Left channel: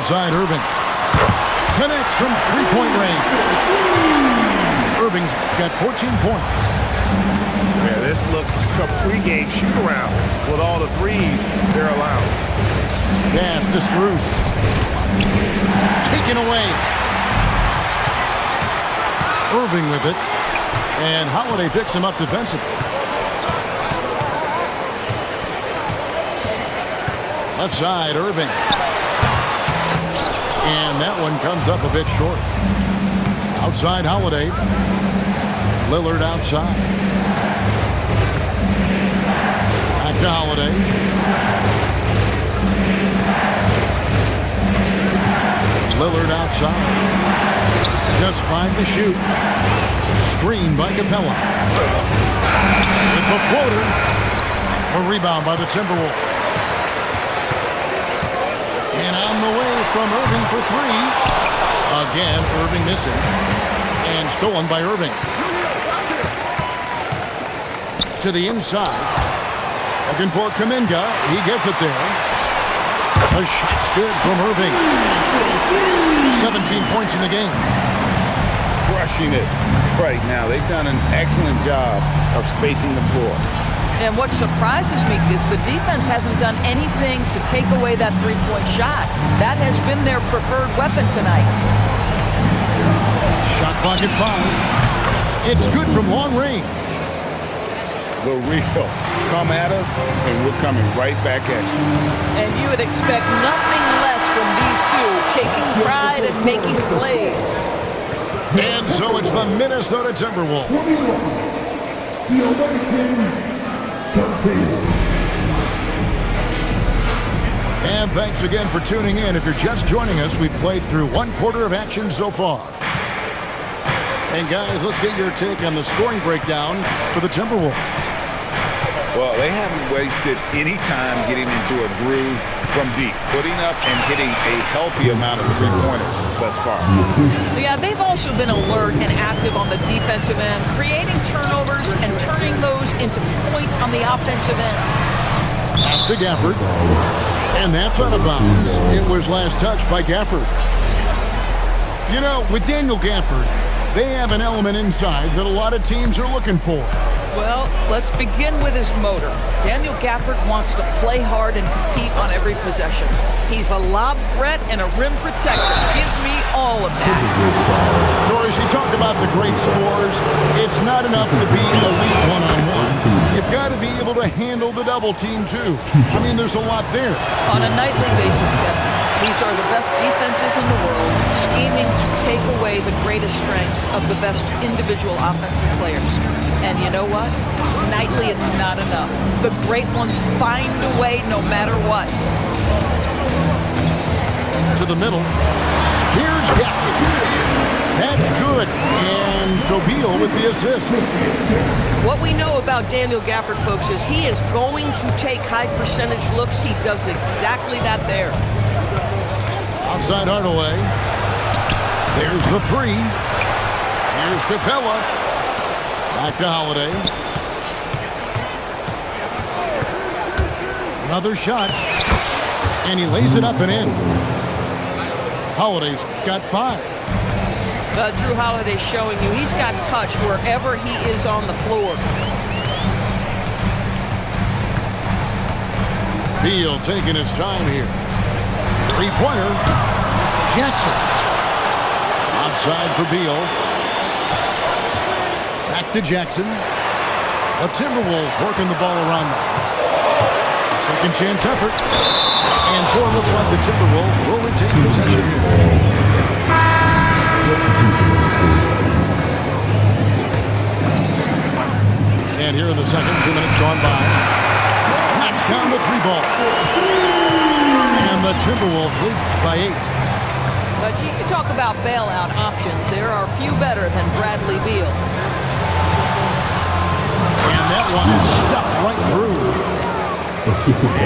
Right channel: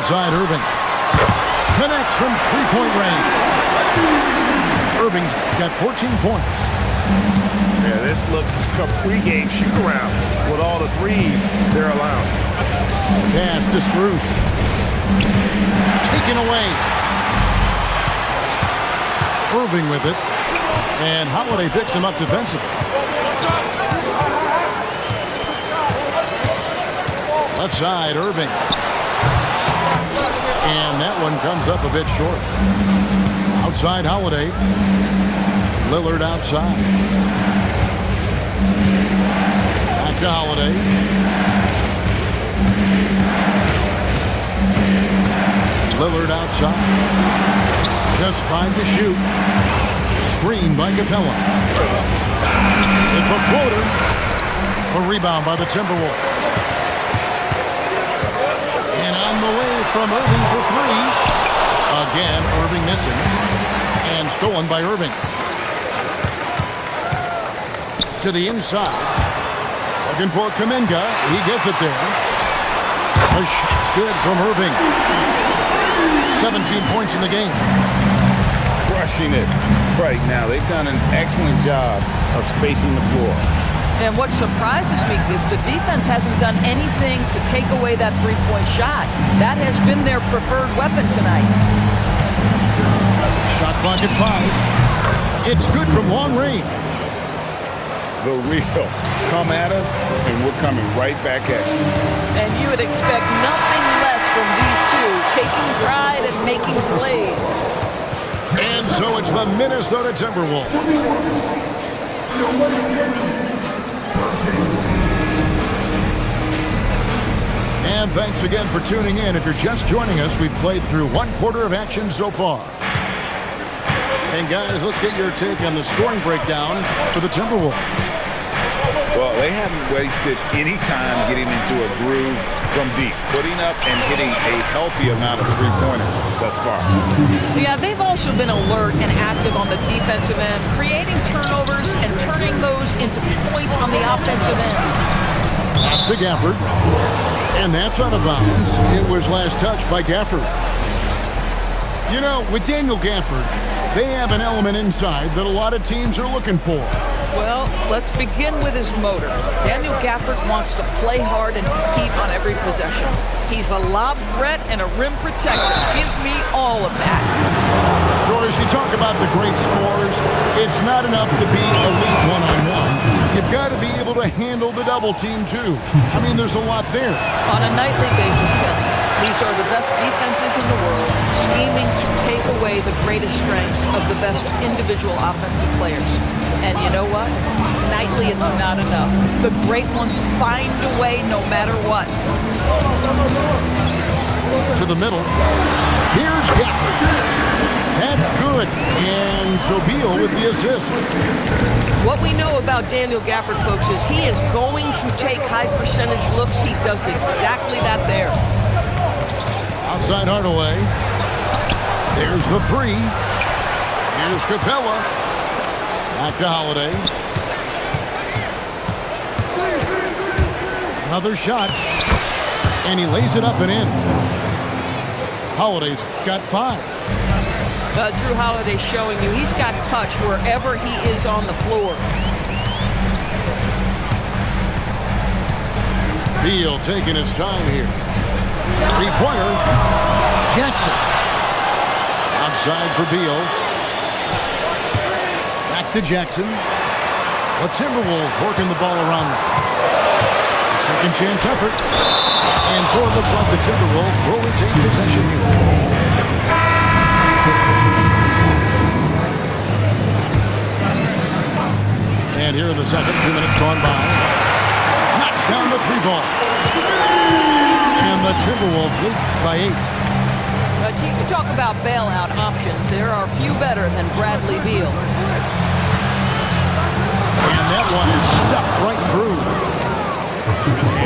Outside Irving. Connects from three-point range. Irving's got 14 points. Yeah, this looks like a pregame shoot-around with all the threes they're allowed. Pass to Strus. Taken away. Irving with it. And Holiday picks him up defensively. Left side, Irving. And that one comes up a bit short. Outside Holiday. Lillard outside. Back to Holiday. Lillard outside. Just 5 to shoot. Screen by Capella. With the floater. A rebound by the Timberwolves. And on the way from Irving for 3. Again, Irving missing. And stolen by Irving. To the inside. Looking for Kuminga. He gets it there. The shot's good from Irving. 17 points in the game. Crushing it right now. They've done an excellent job of spacing the floor. And what surprises me is the defense hasn't done anything to take away that three-point shot. That has been their preferred weapon tonight. Shot clock at 5. It's good from long range. The real. Come at us, and we're coming right back at you. And you would expect nothing less from these two, taking pride and making plays. And so it's the Minnesota Timberwolves. And thanks again for tuning in. If you're just joining us, we've played through 1/4 of action so far. And guys, let's get your take on the scoring breakdown for the Timberwolves. Well, they haven't wasted any time getting into a groove from deep, putting up and hitting a healthy amount of three-pointers thus far. Yeah, they've also been alert and active on the defensive end, creating turnovers and turning those into points on the offensive end. Pass to Gafford. And that's out of bounds. It was last touched by Gafford. You know, with Daniel Gafford, they have an element inside that a lot of teams are looking for. Well, let's begin with his motor. Daniel Gafford wants to play hard and compete on every possession. He's a lob threat and a rim protector. Give me all of that. Doris, you talk about the great scores. It's not enough to be elite one-on-one. You've got to be able to handle the double team, too. I mean, there's a lot there. On a nightly basis, Kevin, these are the best defenses in the world, scheming to take away the greatest strengths of the best individual offensive players. And you know what? Nightly, it's not enough. The great ones find a way no matter what. To the middle. Here's Gafford. That's good. And so Beal with the assist. What we know about Daniel Gafford, folks, is he is going to take high percentage looks. He does exactly that there. Outside Hardaway. There's the 3. Here's Capella. Back to Holiday. Another shot. And he lays it up and in. Holiday's got 5. Drew Holiday showing you he's got touch wherever he is on the floor. Beal taking his time here. Three-pointer. Jackson. Outside for Beal. Back to Jackson. The Timberwolves working the ball around them. The second chance effort. And so it looks like the Timberwolves will retain possession here. And here in the second, 2 minutes gone by. Knocks down the 3-ball. And the Timberwolves lead by 8. But you talk about bailout options. There are few better than Bradley Beal. And that one is stuffed right through.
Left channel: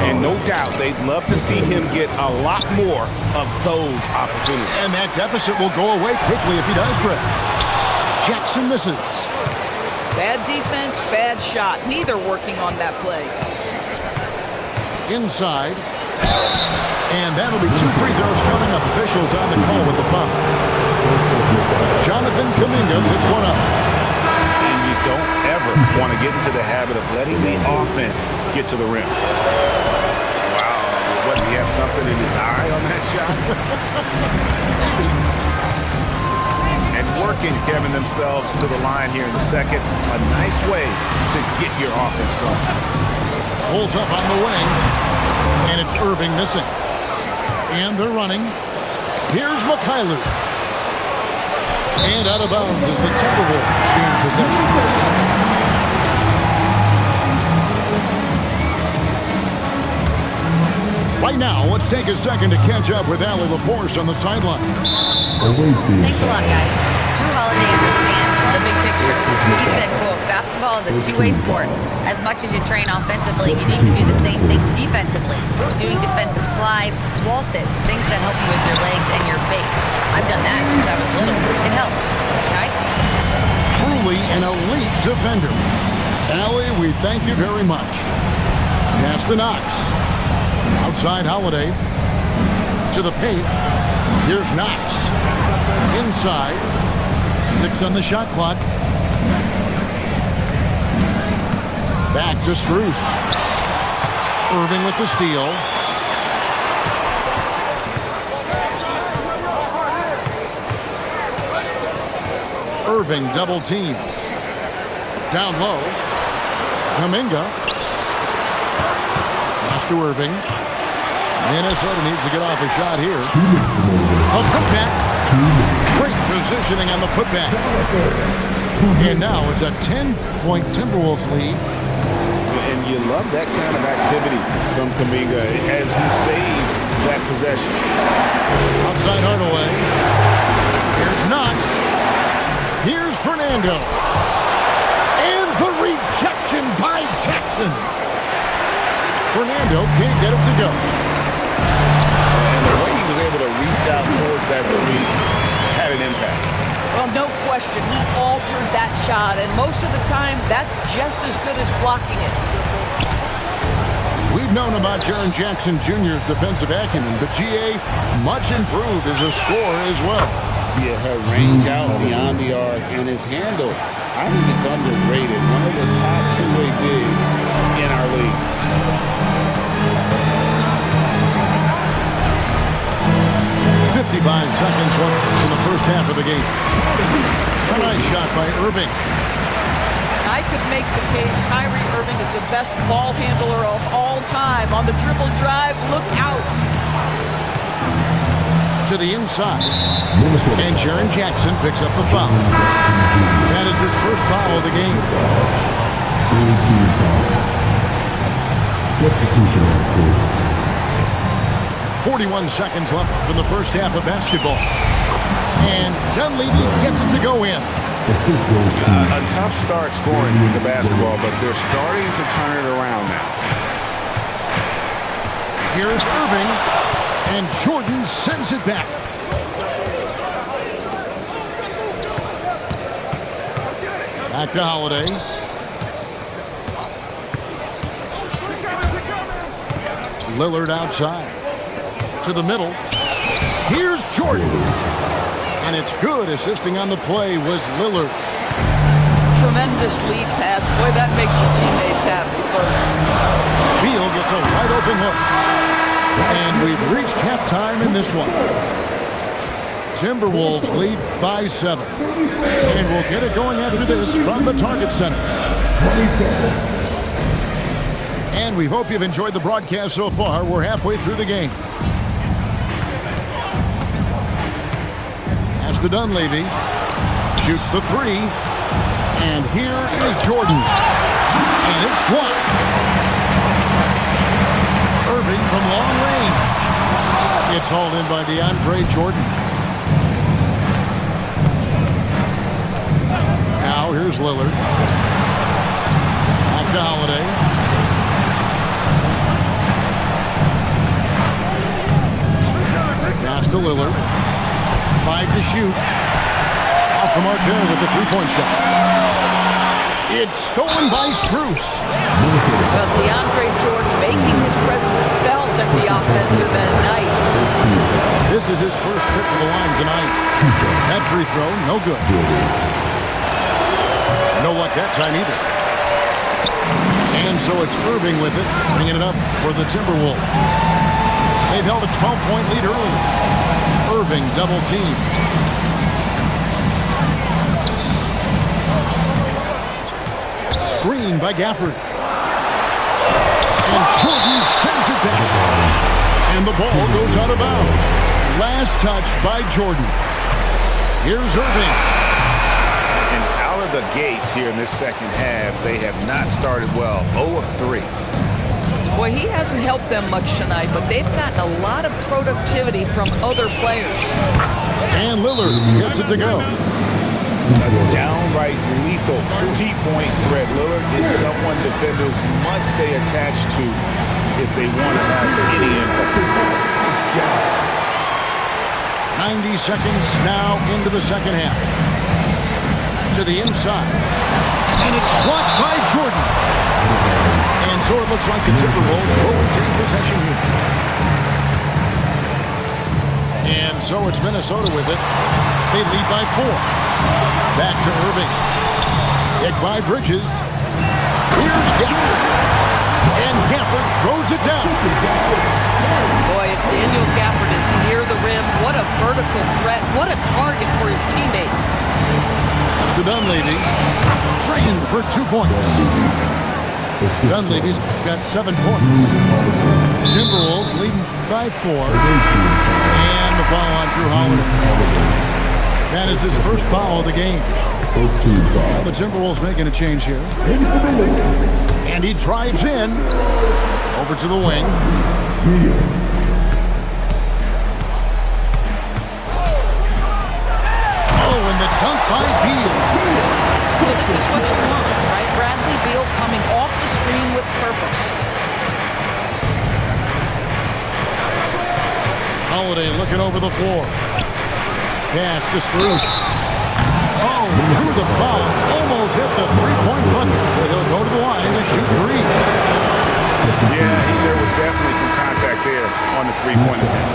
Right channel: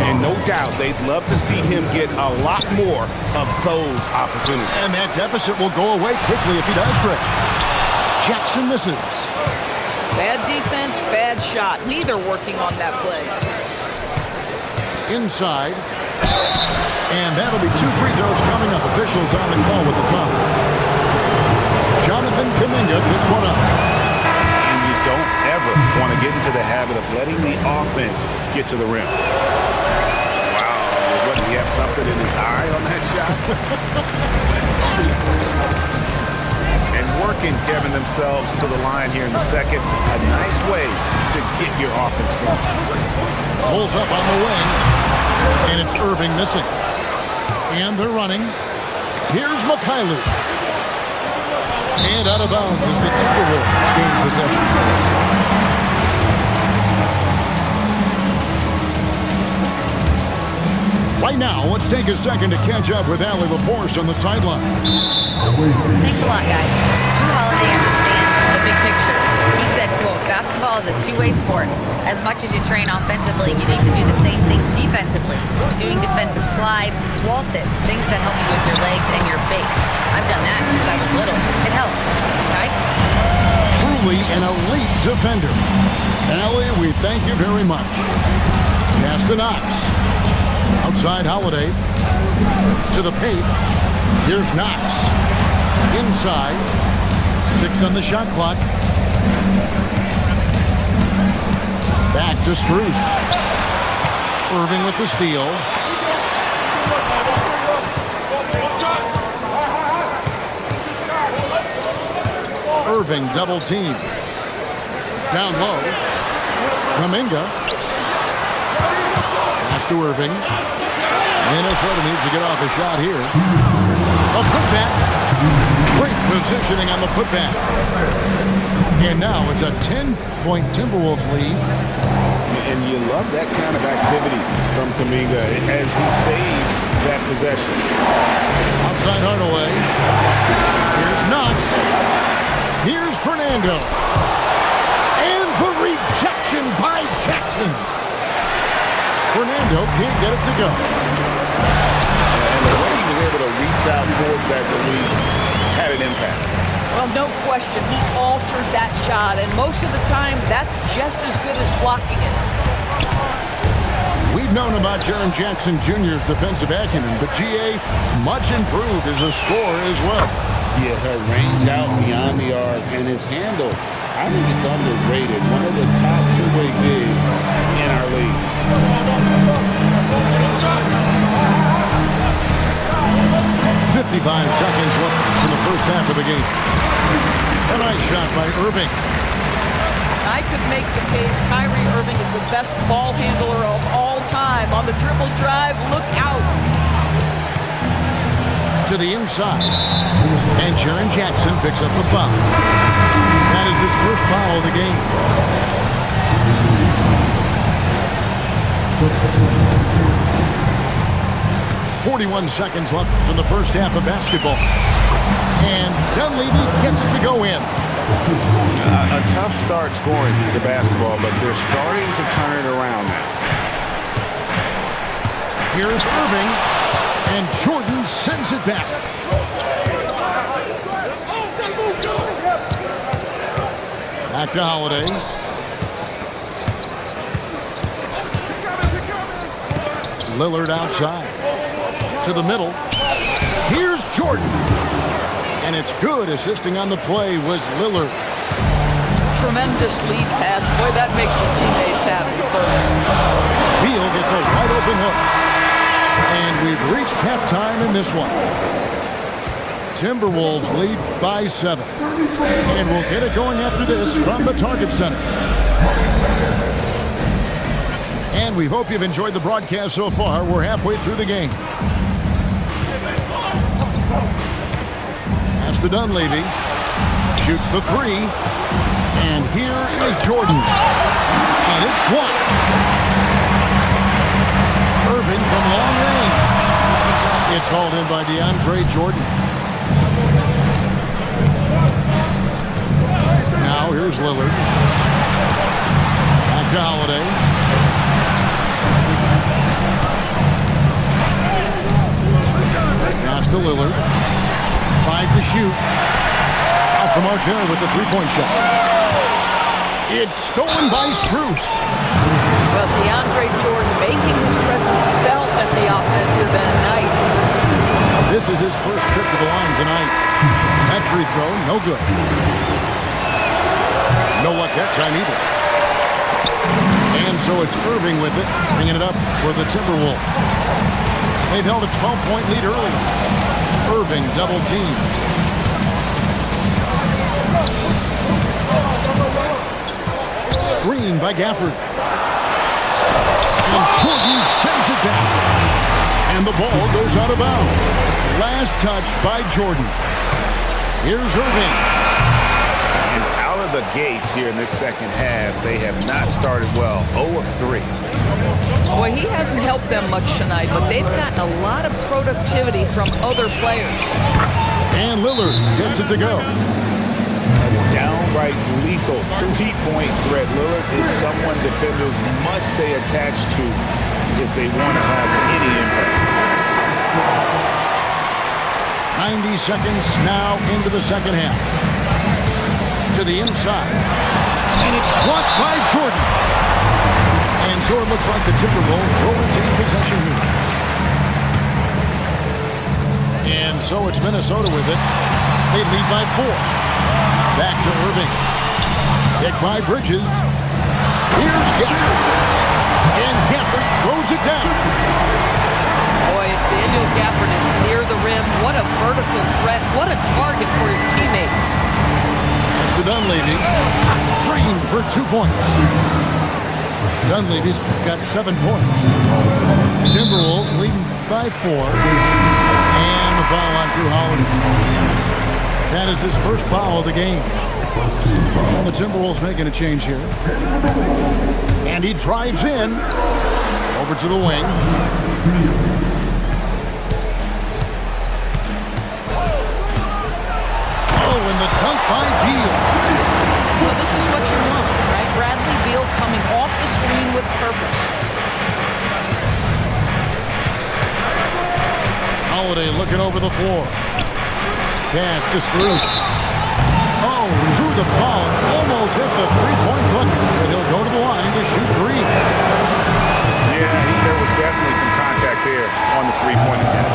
And no doubt they'd love to see him get a lot more of those opportunities. And that deficit will go away quickly if he does, Greg. Jackson misses. Bad defense, bad shot. Neither working on that play. Inside. And that'll be 2 free throws coming up. Officials on the call with the foul. Jonathan Kuminga picks one up. And you don't ever want to get into the habit of letting the offense get to the rim. Wow, what, did he have something in his eye on that shot? And working, Kevin, themselves to the line here in the second. A nice way to get your offense going. Pulls up on the wing, and it's Irving missing. And they're running. Here's Mikhailu. And out of bounds as the Timberwolves gain possession. Right now, let's take a second to catch up with Allie LaForce on the sideline. Thanks a lot, guys. Drew Holiday understands the big picture. He said, quote, basketball is a two-way sport. As much as you train offensively, you need to do the same thing defensively. Doing defensive slides, wall sits, things that help you with your legs and your base. I've done that since I was little. It helps. Guys? Truly an elite defender. Allie, we thank you very much. Pass to Knox. Outside Holiday. To the paint. Here's Knox. Inside. 6 on the shot clock. Back to Strus. Irving with the steal. Irving double team. Down low. Kuminga. Pass to Irving. Minnesota needs to get off a shot here. A putback. Great positioning on the putback. And now it's a 10-point Timberwolves lead. And you love that kind of activity from Kuminga as he saves that possession. Outside Hardaway. Here's Knox. Here's Fernando. And the rejection by Jackson. Fernando can't get it to go. And the way he was able to reach out towards that release had an impact. Well, no question, he altered that shot, and most of the time, that's just as good as blocking it. We've known about Jaren Jackson Jr.'s defensive acumen, but G.A. much improved as a scorer as well. Yeah, her range out beyond the arc and his handle, I think it's underrated. One of the top two-way bigs in our league. 55 seconds left in the first half of the game. A nice shot by Irving. I could make the case Kyrie Irving is the best ball handler of all time. On the dribble drive, look out. To the inside. And Jaren Jackson picks up the foul. That is his first foul of the game. Substitution. 41 seconds left from the first half of basketball. And Dunleavy gets it to go in. A tough start scoring the basketball, but they're starting to turn it around now. Here's Irving, and Jordan sends it back. Back to Holiday. Lillard outside. To the middle. Here's Jordan. And it's good. Assisting on the play was Lillard. Tremendous lead pass. Boy, that makes your teammates happy, folks. Beal gets a wide open look. And we've reached halftime in this one. Timberwolves lead by 7. And we'll get it going after this from the Target Center. And we hope you've enjoyed the broadcast so far. We're halfway through the game. Pass to Dunleavy. Shoots the 3. And here is Jordan. And it's blocked. Irving from long range. It's hauled in by DeAndre Jordan. Now here's Lillard. Back to Holiday. Pass to Lillard. 5 to shoot. Off the mark there with the three-point shot. It's stolen by Strus. Well, DeAndre Jordan making his presence felt at the This is his first trip to the line tonight. That free throw, no good. No luck that time either. And so it's Irving with it, bringing it up for the Timberwolves. They've held a 12-point lead early. Irving double team. Screen by Gafford. And Jordan sends it down. And the ball goes out of bounds. Last touch by Jordan. Here's Irving. And out of the gates here in this second half, they have not started well. 0 of 3. Boy, he hasn't helped them much tonight, but they've gotten a lot of productivity from other players. And Lillard gets it to go. A downright lethal three-point threat. Lillard is someone defenders must stay attached to if they want to have any impact. 90 seconds now into the second half. To the inside. And it's blocked by Jordan. And so it looks like the Timberwolves will retain possession here. And so it's Minnesota with it. They lead by 4. Back to Irving. Hit by Bridges. Here's Gafford. And Gafford throws it down. Boy, if Daniel Gafford is near the rim, what a vertical threat. What a target for his teammates. That's to Dunleavy. Drained for 2 points. Dunleavy's got 7 points. Timberwolves leading by 4. And the foul on Drew Holiday. That is his first foul of the game. And the Timberwolves making a change here. And he drives in. Over to the wing. Oh, and the dunk by Beal. Well, this is what you want, right? Bradley Beal coming off the screen with purpose. Holiday looking over the floor. Pass to Strus. Oh, drew the foul. Almost hit the three-point bucket. But he'll go to the line to shoot 3. Yeah, there was definitely some contact there on the three-point attempt.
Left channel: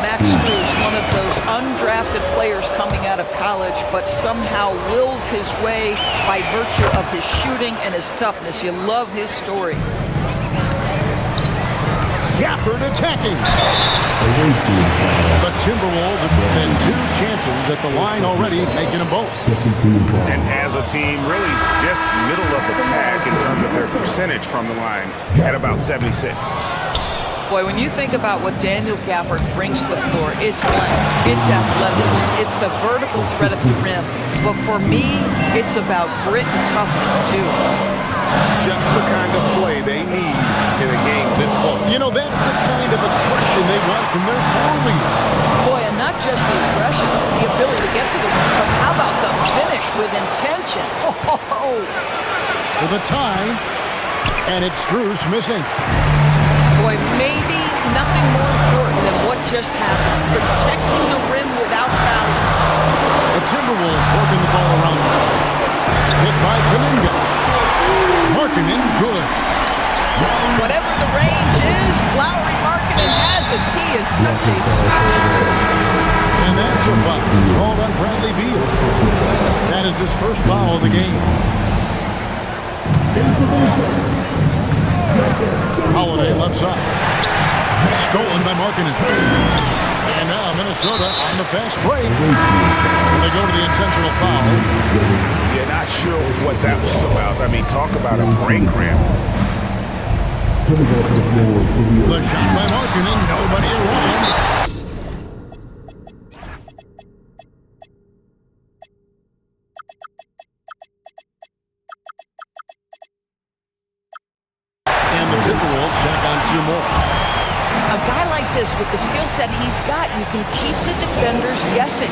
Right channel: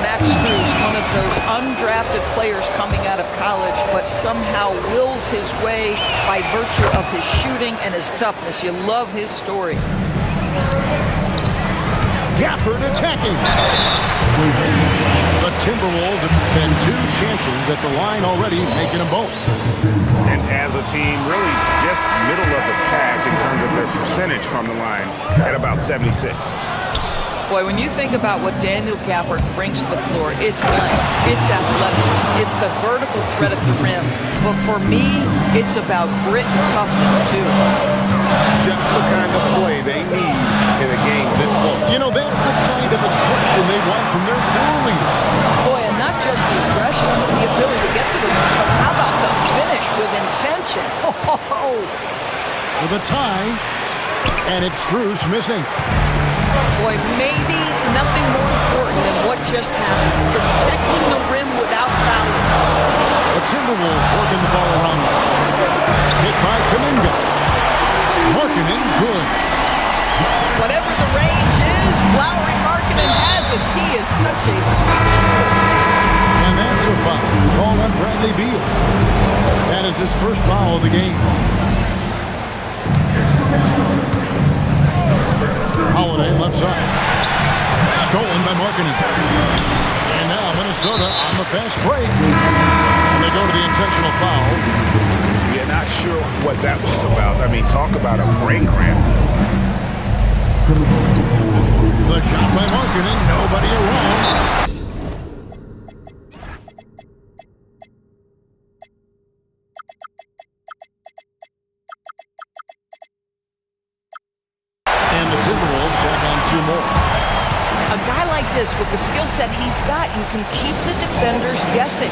Max Strus, one of those undrafted players coming out of college, but somehow wills his way by virtue of his shooting and his toughness. You love his story. Gafford attacking. The Timberwolves have had 2 chances at the line already, making them both. And as a team, really just middle of the pack in terms of their percentage from the line at about 76. Boy, when you think about what Daniel Gafford brings to the floor, it's length, it's athleticism, it's the vertical threat at the rim. But for me, it's about grit and toughness, too. Just the kind of play they need in a game this close. You know, that's the kind of aggression they want from their floor leader. Boy, and not just the aggression, the ability to get to the rim, but how about the finish with intention? For the tie, and it's Strus missing. Boy, maybe nothing more important than what just happened. Protecting the rim without fouling. The Timberwolves working the ball around them. Hit by Kuminga. Markkanen, good. Whatever the range is, Lauri Markkanen has it. He is such a sweet shooter. And that's a foul called on Bradley Beal. That is his first foul of the game. Holiday left side. Stolen by Markkanen. And now Minnesota on the fast break. And they go to the intentional foul. Yeah, not sure what that was about. I mean, talk about a brain cramp. The shot by Markkanen, nobody around. And the Timberwolves tack on 2 more. A guy like this, with the skill set he's got, you can keep the defenders guessing.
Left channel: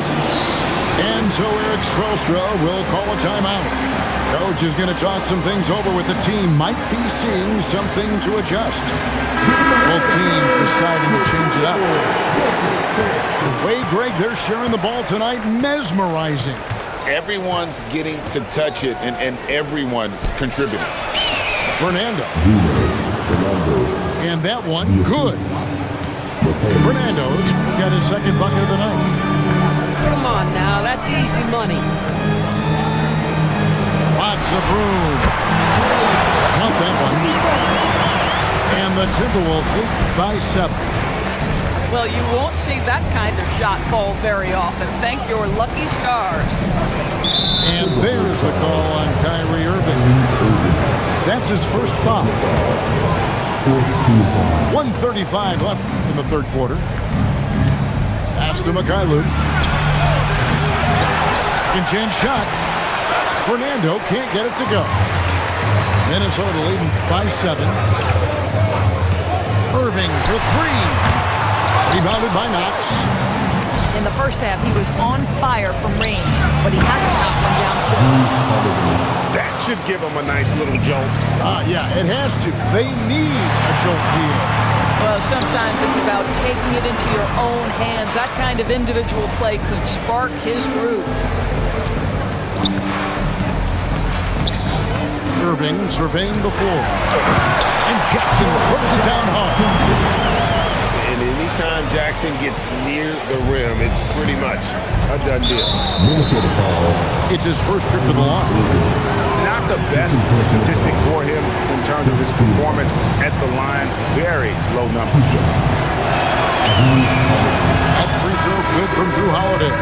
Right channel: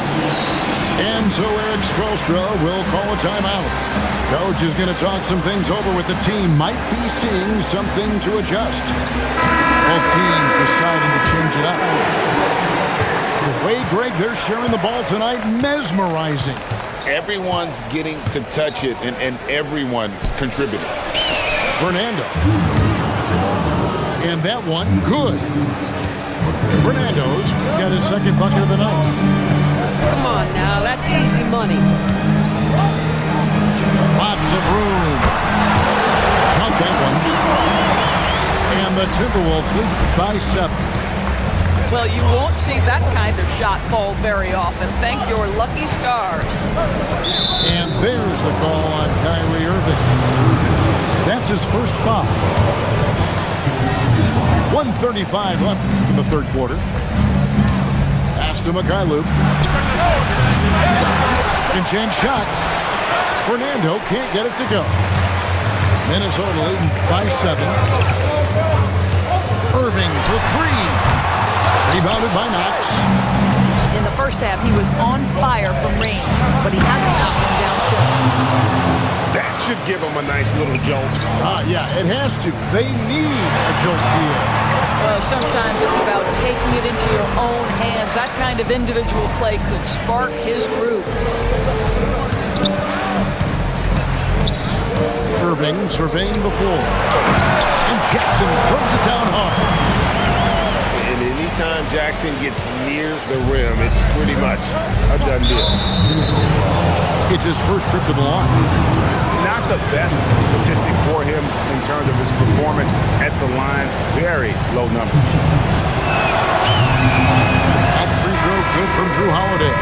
And so Eric Spoelstra will call a timeout. Coach is going to talk some things over with the team. Might be seeing something to adjust. Both teams deciding to change it up. The way, Greg, they're sharing the ball tonight, mesmerizing. Everyone's getting to touch it, and everyone's contributing. Fernando. And that one, good. Fernando's got his second bucket of the night. Come on now, that's easy money. Lots of room. Count that one. And the Timberwolves lead by 7. Well, you won't see that kind of shot fall very often. Thank your lucky stars. And there's the call on Kyrie Irving. That's his first foul. 1:35 left in the third quarter. Pass to Mikhailuk. Second chance shot. Fernando can't get it to go. Minnesota leading by 7. Irving for 3. Rebounded by Knox. In the first half, he was on fire from range, but he hasn't knocked one down since. That should give him a nice little jolt. Yeah, it has to. They need a jolt here. Well, sometimes it's about taking it into your own hands. That kind of individual play could spark his groove. Irving surveying the floor. And Jackson throws it down hard. And anytime Jackson gets near the rim, it's pretty much a done deal. It's his first trip to the line. Not the best statistic for him in terms of his performance at the line. Very low numbers. That free throw good from Jrue Holiday.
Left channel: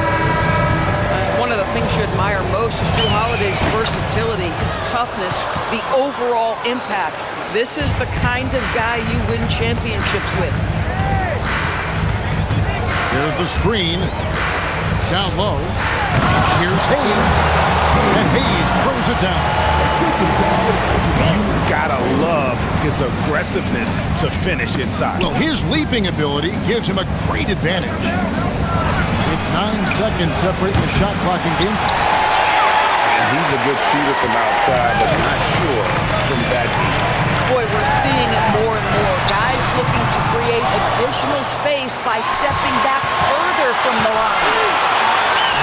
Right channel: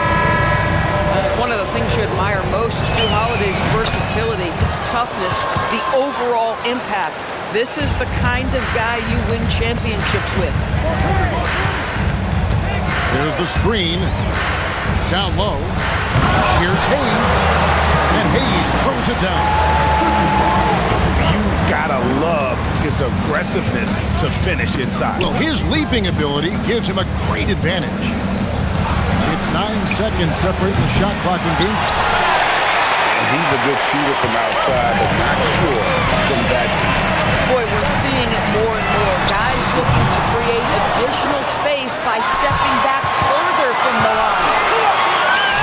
One of the things you admire most is Jrue Holiday's versatility, his toughness, the overall impact. This is the kind of guy you win championships with. There's the screen. Down low. Here's Hayes. And Hayes throws it down. You gotta love his aggressiveness to finish inside. Well, his leaping ability gives him a great advantage. It's 9 seconds separating the shot clock in game. And he's a good shooter from outside, but not sure from that deep. Boy, we're seeing it more and more. Guys looking to create additional space by stepping back further from the line.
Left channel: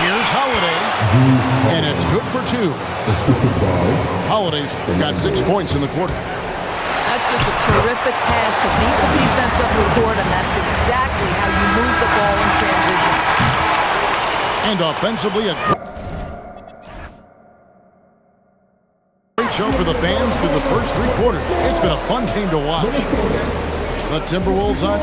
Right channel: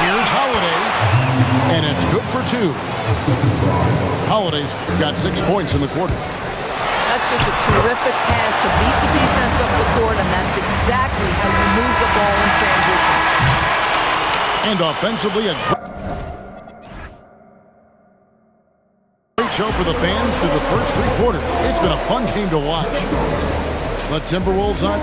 Here's Holiday, and it's good for 2. Holiday's got 6 points in the quarter. That's just a terrific pass to beat the defense up the court, and that's exactly how you move the ball in transition. And offensively, a great show for the fans through the first 3 quarters. It's been a fun game to watch. The Timberwolves on.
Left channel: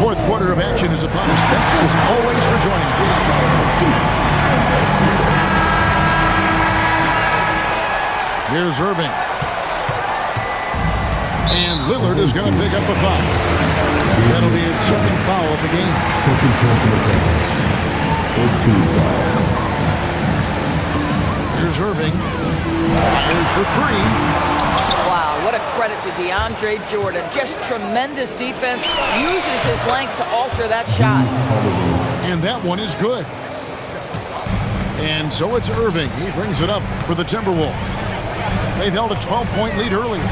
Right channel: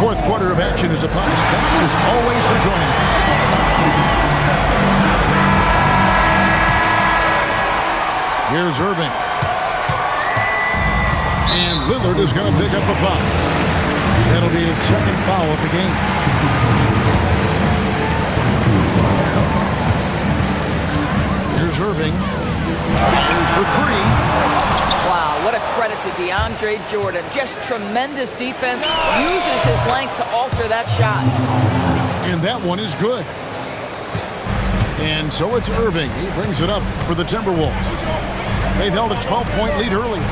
Fourth quarter of action is upon us. Thanks as always for joining us. Here's Irving. And Lillard is going to pick up a foul. That'll be his second foul of the game. Here's Irving. Fires for 3. Wow, what a credit to DeAndre Jordan. Just tremendous defense. Uses his length to alter that shot. And that one is good. And so it's Irving. He brings it up for the Timberwolves. They've held a 12-point lead earlier.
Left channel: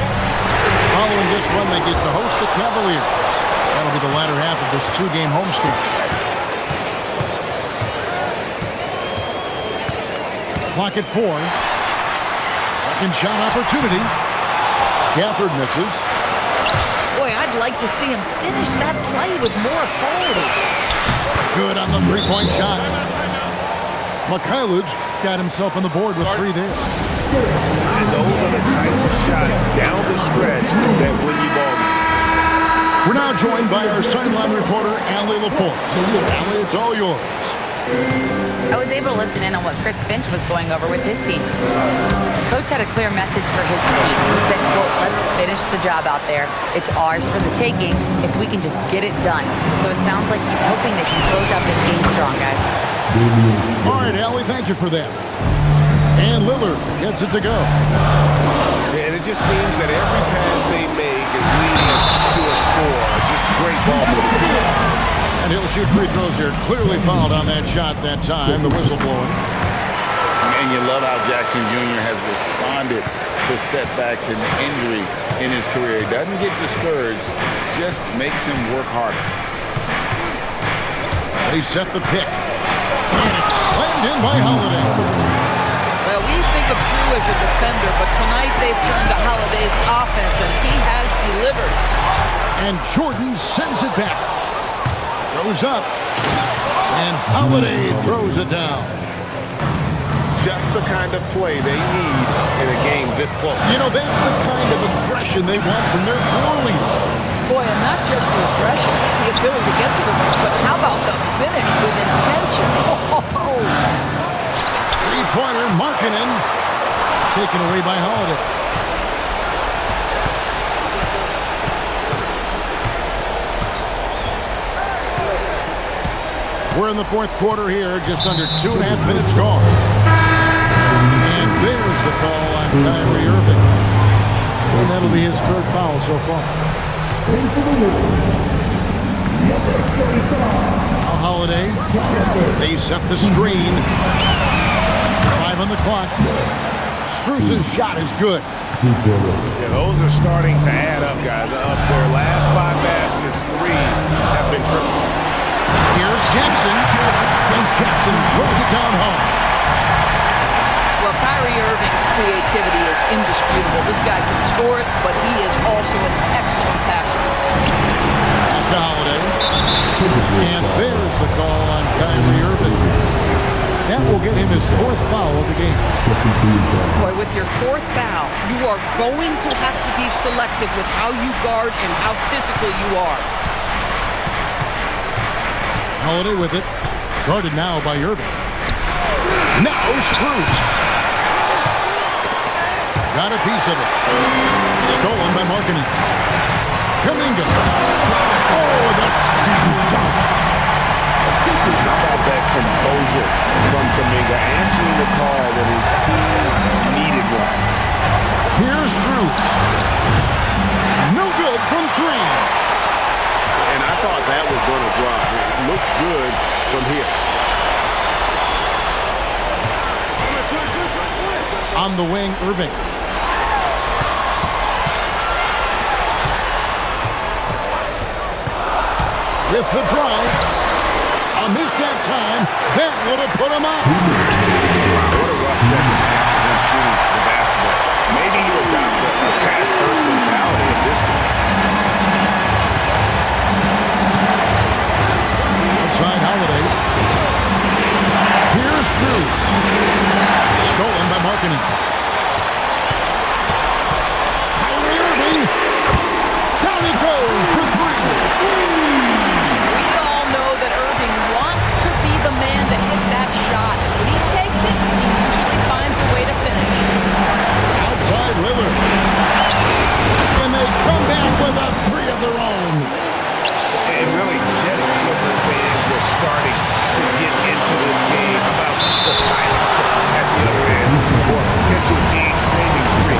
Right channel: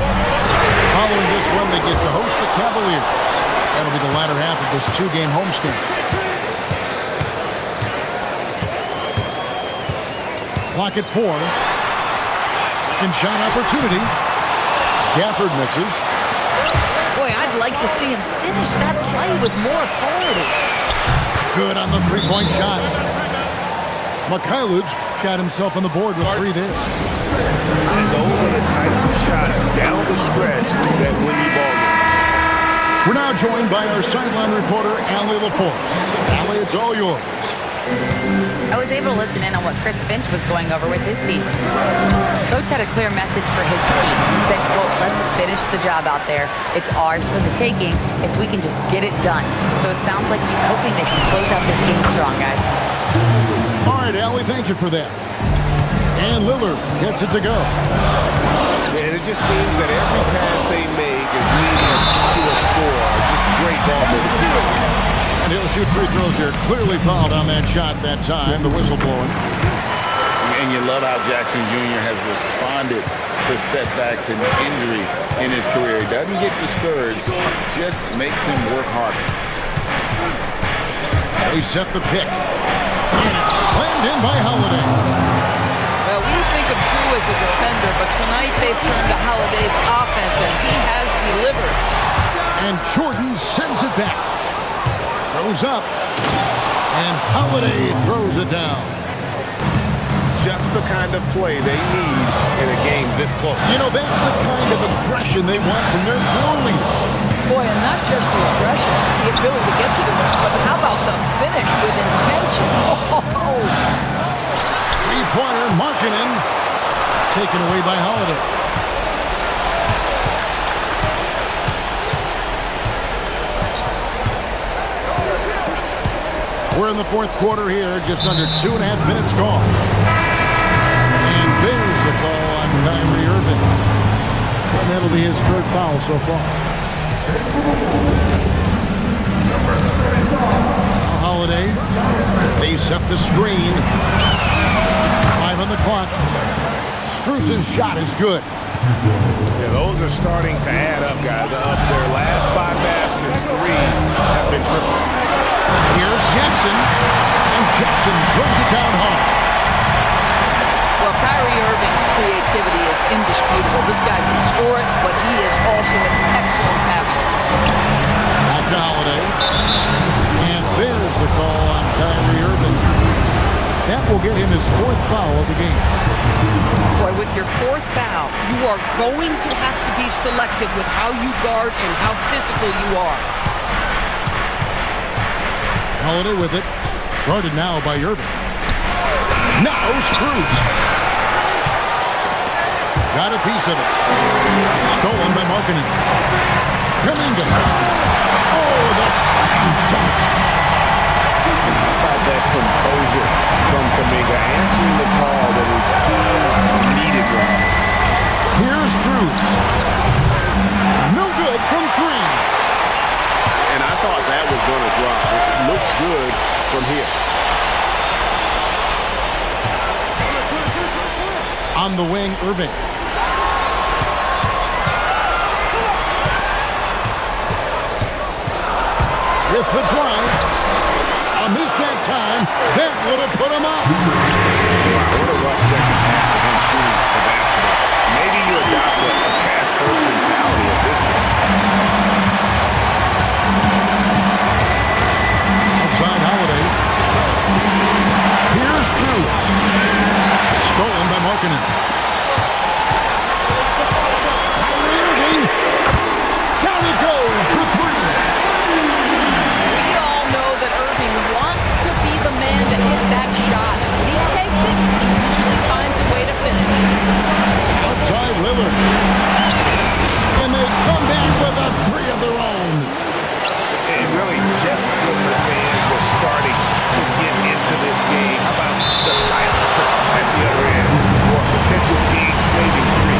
Following this one, they get to host the Cavaliers. That'll be the latter half of this 2-game homestand. Clock at 4. Second shot opportunity. Gafford misses. Boy, I'd like to see him finish that play with more authority. Good on the 3-point shot. Mikhailuk got himself on the board with 3 there. And those are the types of shots down the stretch that win you ball games. We're now joined by our sideline reporter, Allie LaForce. Allie, it's all yours. I was able to listen in on what Chris Finch was going over with his team. Coach had a clear message for his team. He said, quote, let's finish the job out there. It's ours for the taking if we can just get it done. So it sounds like he's hoping they can close out this game strong, guys. All right, Allie, thank you for that. And Lillard gets it to go. And it just seems that every pass they make is leading to a score. Just great ball movement. And he'll shoot free throws here. Clearly fouled on that shot that time. The whistle blowing. And you love how Jackson Jr. has responded to setbacks and injury in his career. He doesn't get discouraged, just makes him work harder. They set the pick. And it's slammed in by Holiday. Well, we think of Jrue through as a defender, but tonight they've turned to Holiday's offense, and he has delivered. And Jordan sends it back. Throws up. And Holiday throws it down. Just the kind of play they need in a game this close. You know, that's the kind of aggression they want from their floor leader. Boy, and not just the aggression, the ability to get to the rim, but how about the finish with intention? Oh! Three-pointer, Markkanen, taken away by Holiday. We're in the fourth quarter here, just under 2.5 minutes gone. And there's the call on Kyrie Irving. And that'll be his third foul so far. Now Holiday. They set the screen. 5 on the clock. Strus's shot is good. Yeah, those are starting to add up, guys. Up their last 5 baskets, 3 have been triple. Here's Jackson, and Jackson throws it down hard. Well, Kyrie Irving's creativity is indisputable. This guy can score it, but he is also an excellent passer. Back to Holiday. And there's the call on Kyrie Irving. That will get him his 4th foul of the game. Boy, with your 4th foul, you are going to have to be selective with how you guard and how physical you are. Holiday with it. Guarded now by Irving. Now Strus. Got a piece of it. Stolen by Markkanen. Kuminga. Oh, the slam dunk. How about that composure from Kuminga, answering the call when his team needed one. Here's Strus. No good from 3. And I thought that was going to drop. It looked good from here. On the wing, Irving. With the drive. A miss that time. That would have put him out. Wow, what a rough second half for him shooting the basketball. Maybe you adopt a pass-first mentality at this point. Outside Holiday. Here's Strus. Stolen by Markkanen. Kyrie Irving. Down he goes for 3. We all know that Irving wants to be the man to hit that shot. And when he takes it, he usually finds a way to finish. Outside Lillard. And they come back with a 3 of their own. And really just when the fans were starting to get into this game, how about the silencer at the other end for a potential game-saving 3?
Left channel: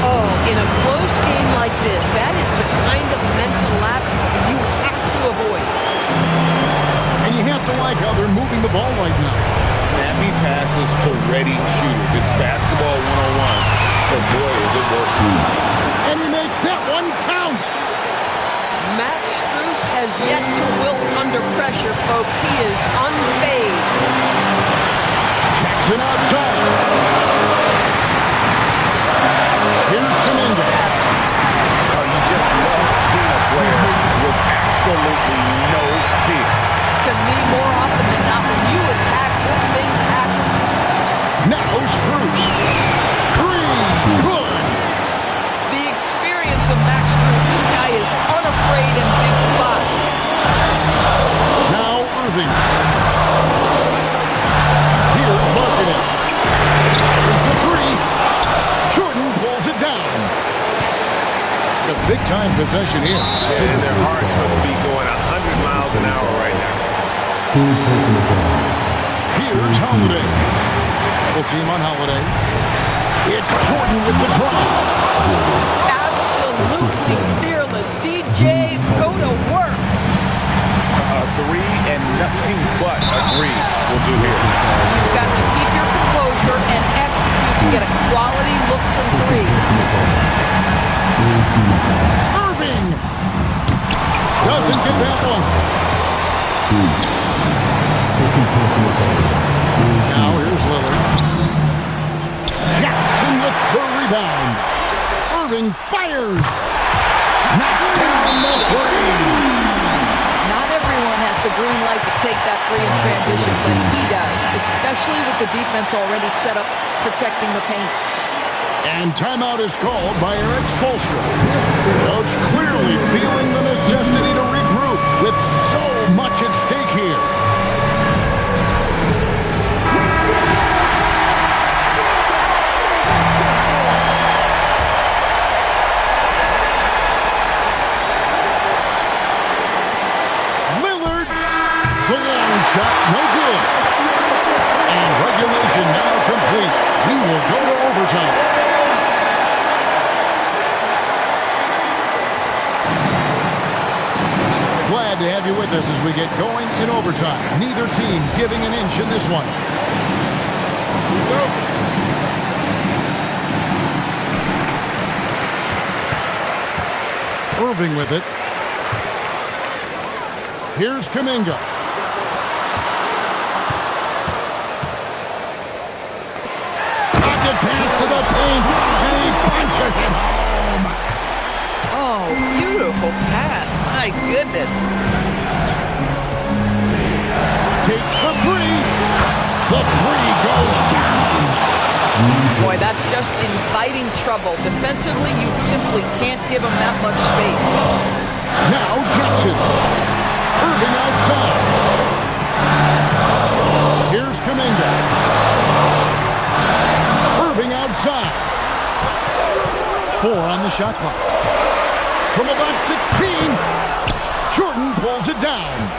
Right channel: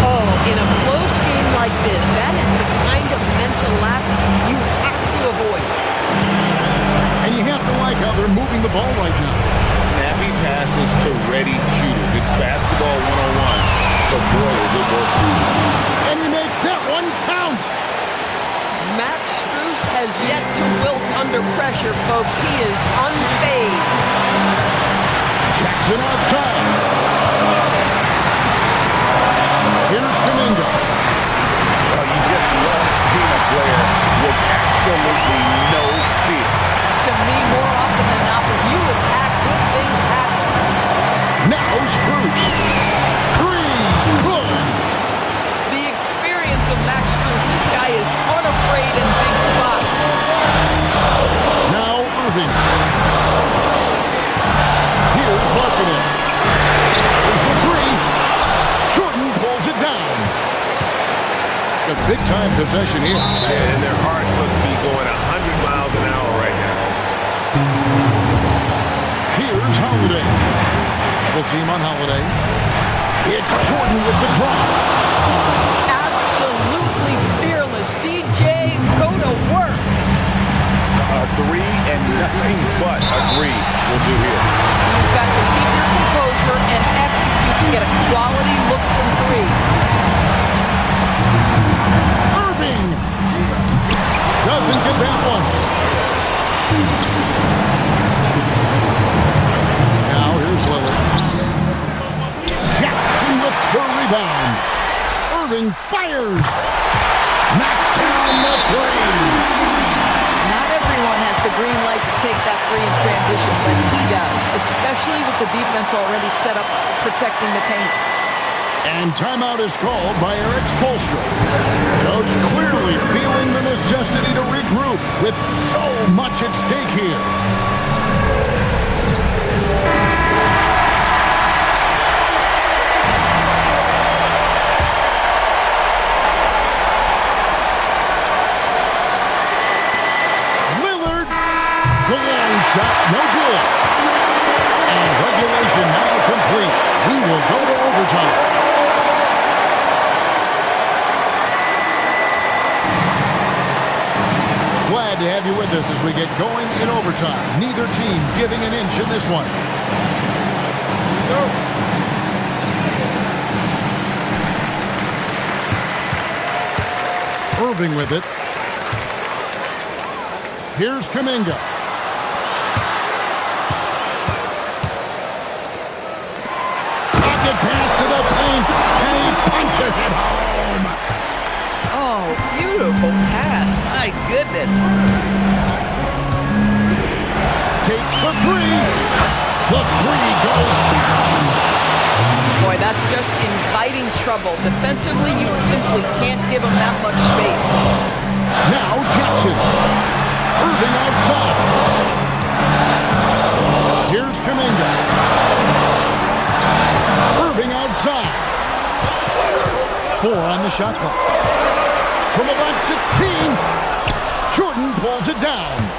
Oh, in a close game like this, that is the kind of mental lapse you have to avoid. And you have to like how they're moving the ball right now. Snappy passes to ready shooters. It's basketball 101, but boy, is it working. And he makes that one count. Max Strus has yet to wilt under pressure, folks. He is unfazed. Jackson outside. Here's Kuminga. Oh, you just love seeing a player with absolutely no fear. To me, more often than not, when you attack, good things happen. Now Strus. 3. Good. The experience of Max Strus, this guy is unafraid in big spots. Now Irving. Here's Markkanen. Here's the 3. Jordan pulls it down. A big-time possession here. Yeah, and their hearts must be going 100 miles an hour right now. Here's Holiday. Double team on Holiday. It's Jordan with the drive. Absolutely fearless. DJ, go to work. A 3 and nothing but a 3 will do here. You've got to keep your composure and execute to get a quality look from 3. Irving doesn't get that one. Now here's Lillard. Jackson with the rebound. Irving fires. Knocks down the three. Not everyone has the green light to take that three in transition, but he does, especially with the defense already set up protecting the paint. And timeout is called by Eric Spoelstra. Coach clearly feeling the necessity to regroup with so much at stake here. The long shot, no good. And regulation now complete. We will go to overtime. Glad to have you with us as we get going in overtime. Neither team giving an inch in this one. Here we go. Irving with it. Here's Kuminga. Pass to the paint, and he punches it home. Oh, beautiful pass. My goodness. Takes the three. The three goes down. Boy, that's just inviting trouble. Defensively, you simply can't give him that much space. Now Jackson. Irving outside. Here's Kuminga. Irving outside. 4 on the shot clock. From about 16, Jordan pulls it down.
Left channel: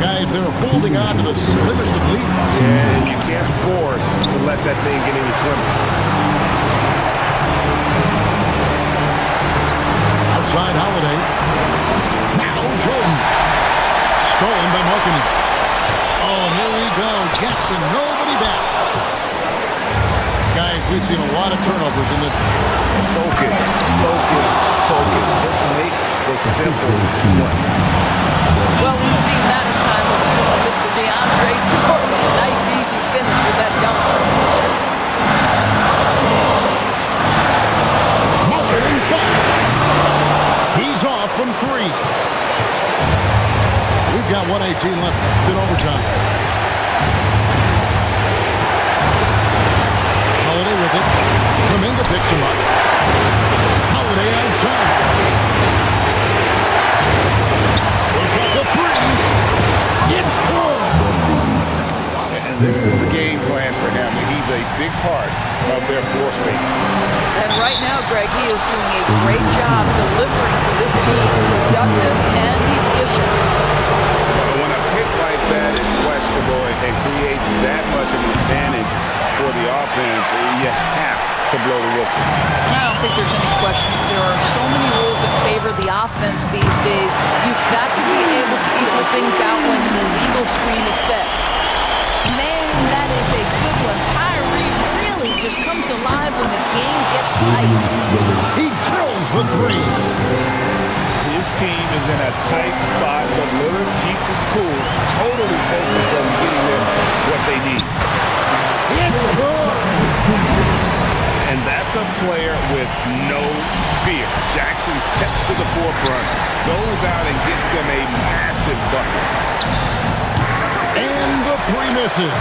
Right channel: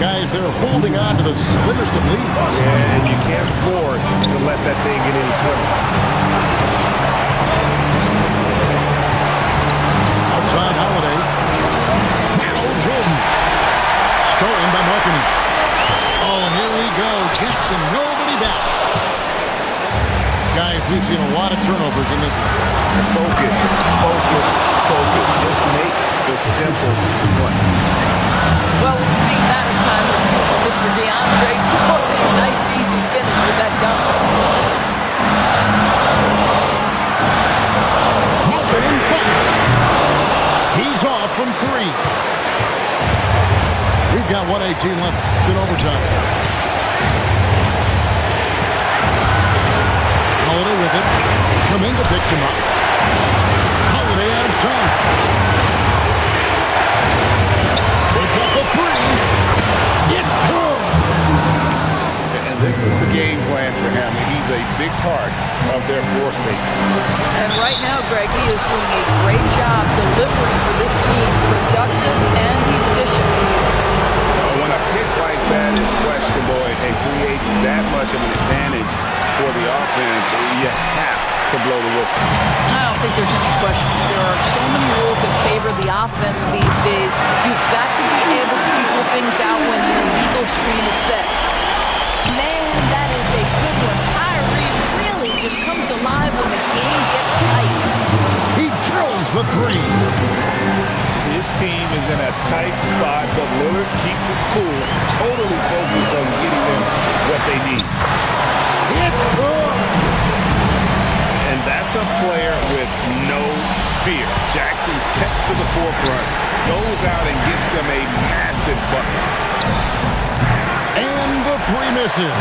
Guys, they're holding on to the slimmest of leads. Yeah, and you can't afford to let that thing get any slimmer. Outside Holiday. Now Jordan. Stolen by Markkanen. Oh, and here we go. Jackson, nobody back. Guys, we've seen a lot of turnovers in this one. Focus, focus, focus. Just make the simple play. Well, we've seen that a time or two from Mr. DeAndre Jordan. Nice, easy finish with that dunk. Markkanen fire. He's off from 3. We've got 1:18 left in overtime. Holiday with it. Kuminga picks him up. Holiday outside. Puts up the 3. It's good. And this is the game plan for him. He's a big part of their floor spacing. And right now, Greg, he is doing a great job delivering for this team, productive and efficient. When a pick like that is questionable and creates that much of an advantage for the offense, you have to blow the whistle. I don't think there's any question. There are so many rules that favor the offense these days. You've got to be able to equal things out when an illegal screen is set. Man, that is a good one. Kyrie really just comes alive when the game gets tight. He drills the 3. His team is in a tight spot, but Lillard keeps his cool, totally focused on getting them what they need. It's good. And that's a player with no fear. Jackson steps to the forefront, goes out and gets them a massive bucket. And the 3 misses.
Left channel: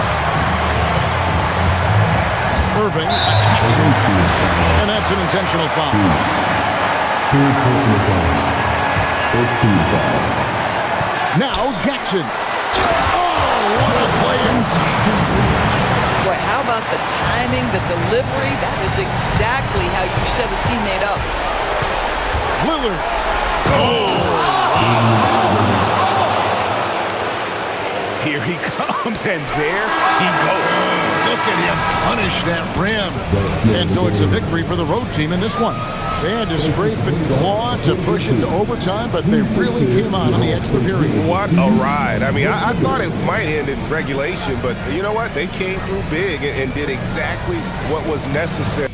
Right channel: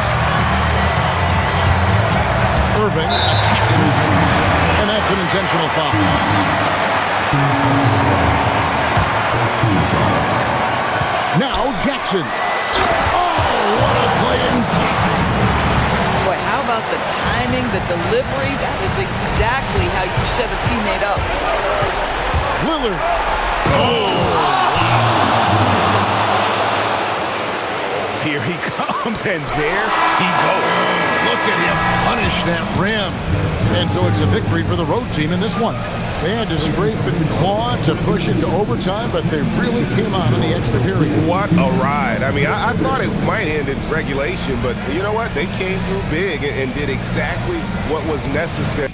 Irving attacking. And that's an intentional foul. Now Jackson. Oh, what a play inside. Boy, how about the timing, the delivery? That is exactly how you set a teammate up. Lillard. Here he comes, and there he goes. Look at him punish that rim. And so it's a victory for the road team in this one. They had to scrape and claw to push it to overtime, but they really came on in the extra period. What a ride. I mean, I thought it might end in regulation, but you know what? They came through big and did exactly what was necessary.